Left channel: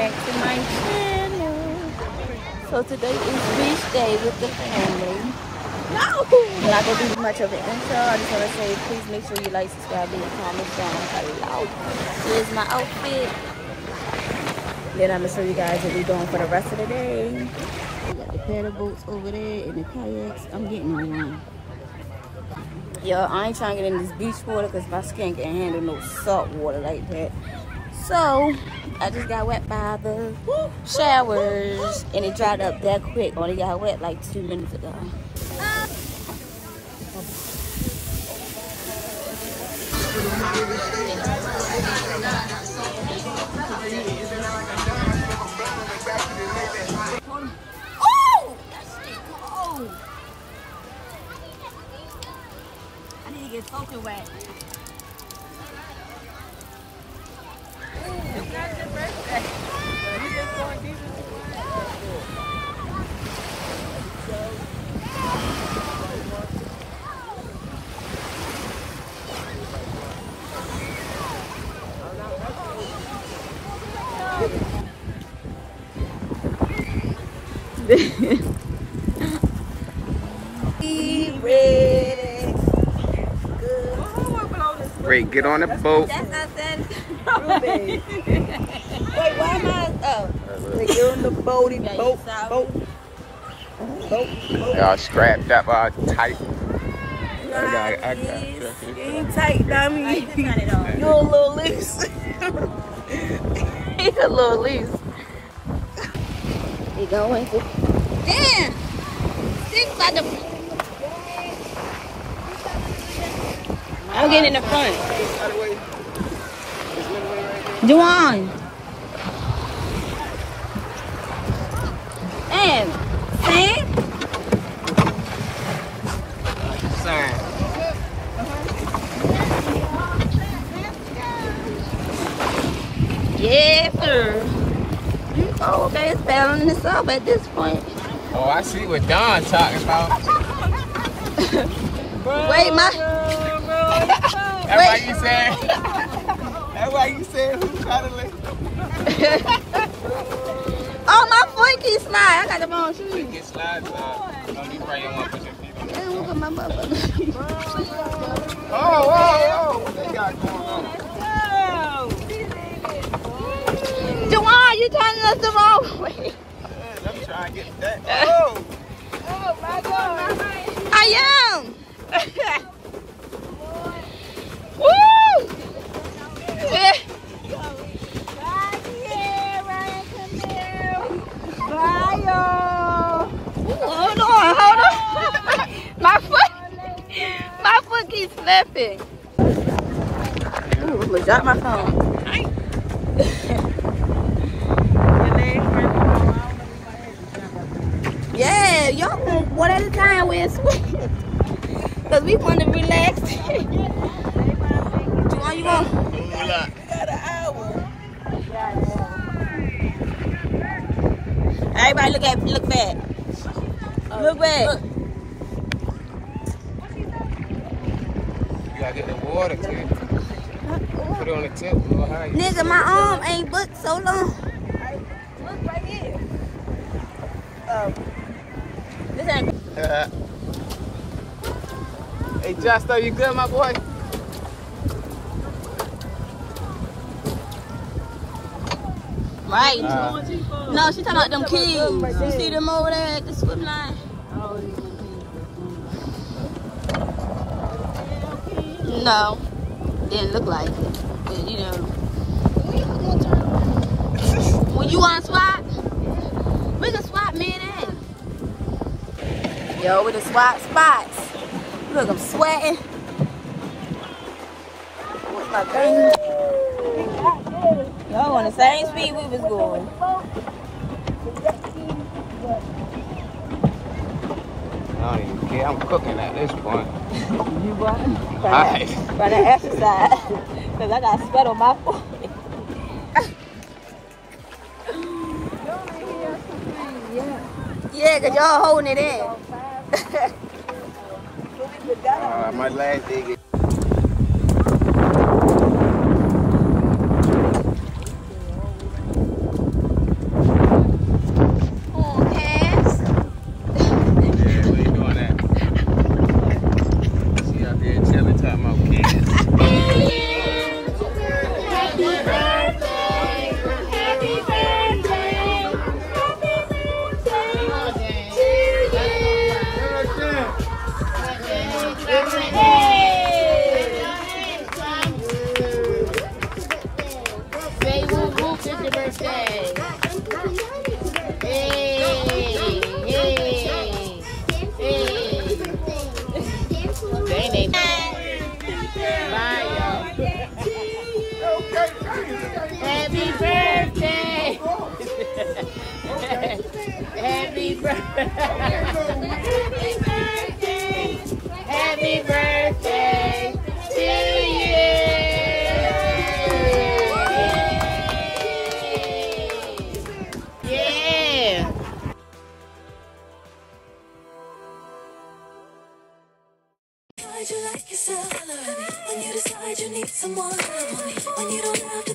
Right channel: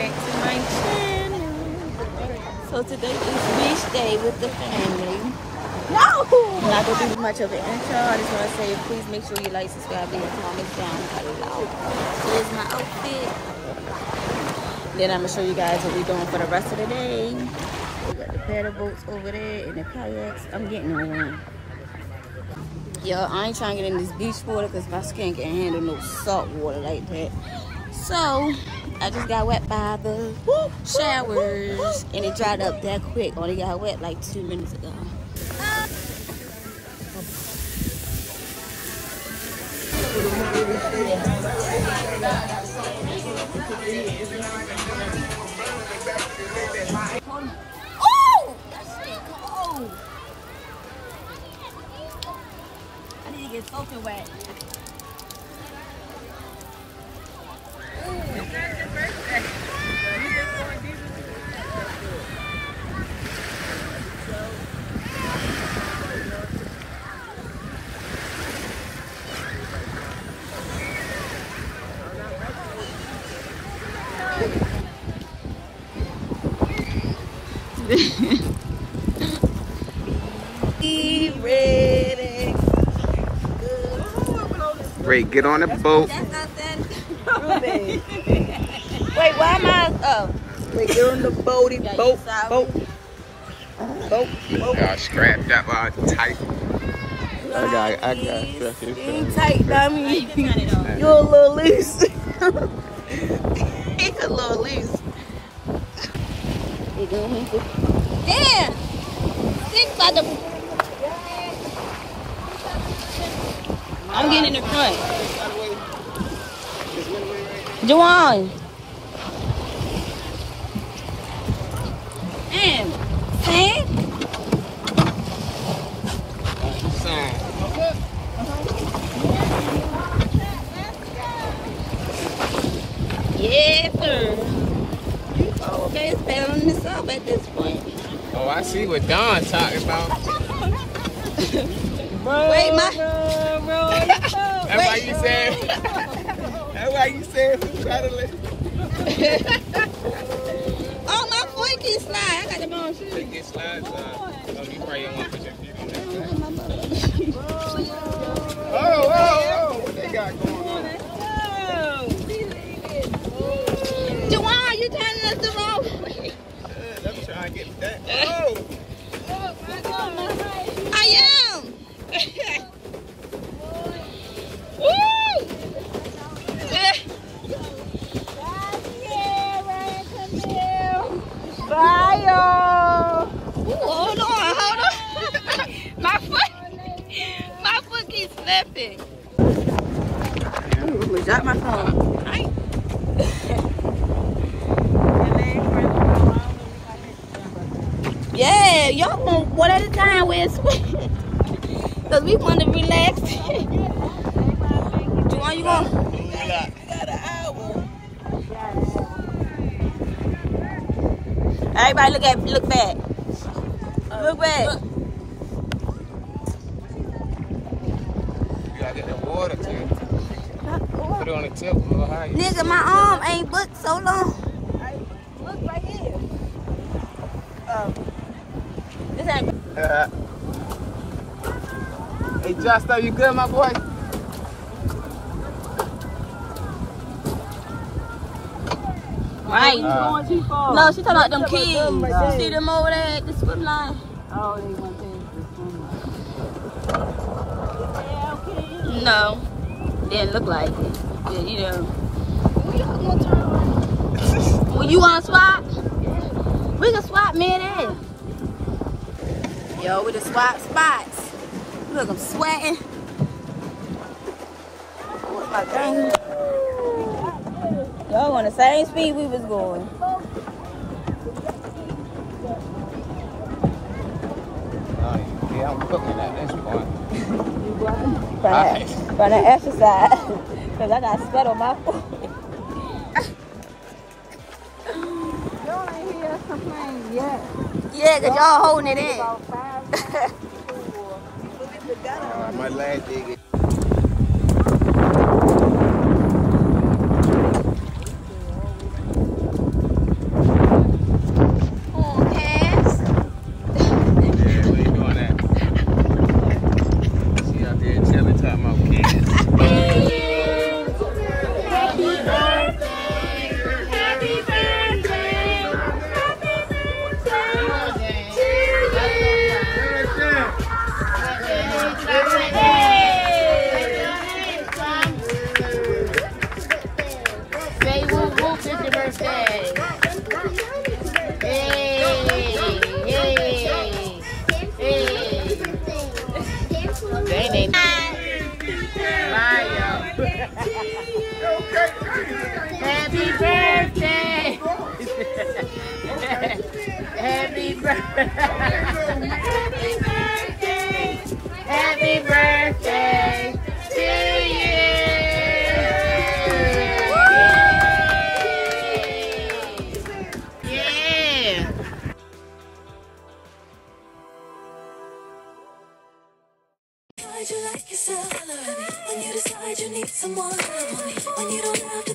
back to my channel. So today is beach day with the family. No! I'm not going to do much of an intro. I just want to say please make sure you like, subscribe, leave a comment down below. Here's my outfit. Then I'm going to show you guys what we're doing for the rest of the day. We got the paddle boats over there and the kayaks. I'm getting on one. Yo, I ain't trying to get in this beach water because my skin can't handle no salt water like that. So, I just got wet by the showers and it dried up that quick. Only got wet like 2 minutes ago. Oh! That's cold. I need to get soaking wet. It's not your birthday. You just going deep into Ready. Great, get on the boat. That's nothing. Wait, why am I? Oh. Wait, you're on the boaty boat. Y'all scrapped up tight. I got Ain't tight, dummy. You're a little loose. He's a little loose. He going to. Damn! 6 at the. I'm getting in the front. Juwan. And Sam. Yes, sir. Oh, okay, it's battling itself at this point. Oh, I see what Don's talking about. Wait, my. That's why you said. That's why you said who's cuddling. Oh, my foot keeps sliding. I got the wrong shoes. It gets slides. You probably don't want to put your feet in there. Look at my motherfucking shoes. Oh, what they got going on? Juwan, you turning us the wrong way. I'm trying to get that. Oh! I am. Woo! Bye, y'all. Hold on. My foot keeps slipping. Ooh, look, drop my phone. Yeah, y'all want one at a time where it's sweet. Because we want to relax. Juwan, you want? We got an hour. Everybody look back. Look back. Look. You gotta get the water, too. Put it on the tip a little higher. Nigga, my arm ain't booked so long. Look right here. This ain't. Hey, Josh, are you good, my boy? Right. No, she talking about them kids. You see them over there at the swim line? No. Didn't look like it. You know. Well, you want to swap? We can swap man in. Yo, with the swap spots. Look, I'm sweating. Where's my gun? Y'all on the same speed we was going. I don't even care. I'm cooking at this point. You what? From the exercise. Because I got sweat on my forehead. Yeah, because y'all holding it in. My last day. Say whoop whoop, it's your birthday. Hey, hey, hey. Happy birthday. Happy birthday. Happy birthday to you. Yeah. You like yourself, when you decide you need someone, when you don't have to